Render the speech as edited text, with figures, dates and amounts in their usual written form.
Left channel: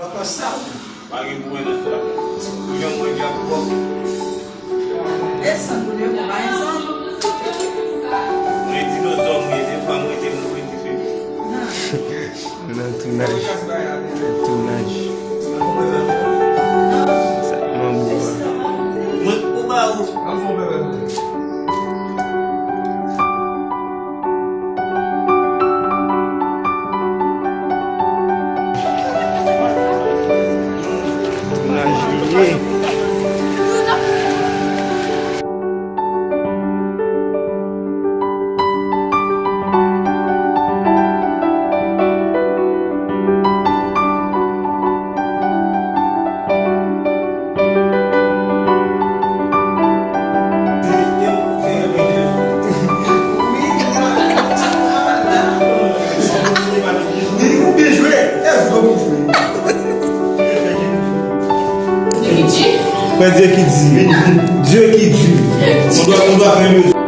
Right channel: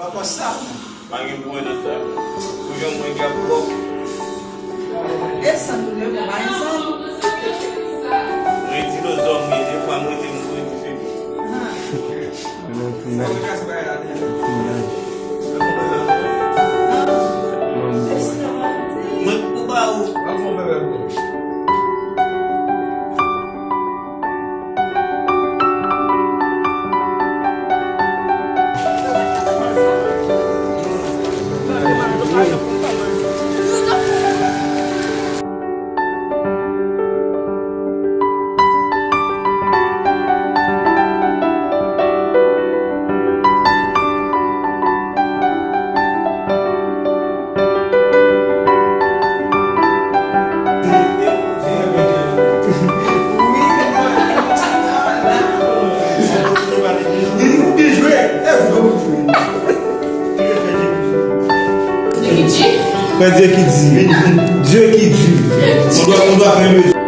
Bagi buat itu, yang mau jawab. Essa mulher vai ensemble. Muito nos homens, ele fala muito em Não, tu não. Tu não. muito baú. Quer dizer que Dieu qui dit. On doit faire mieux.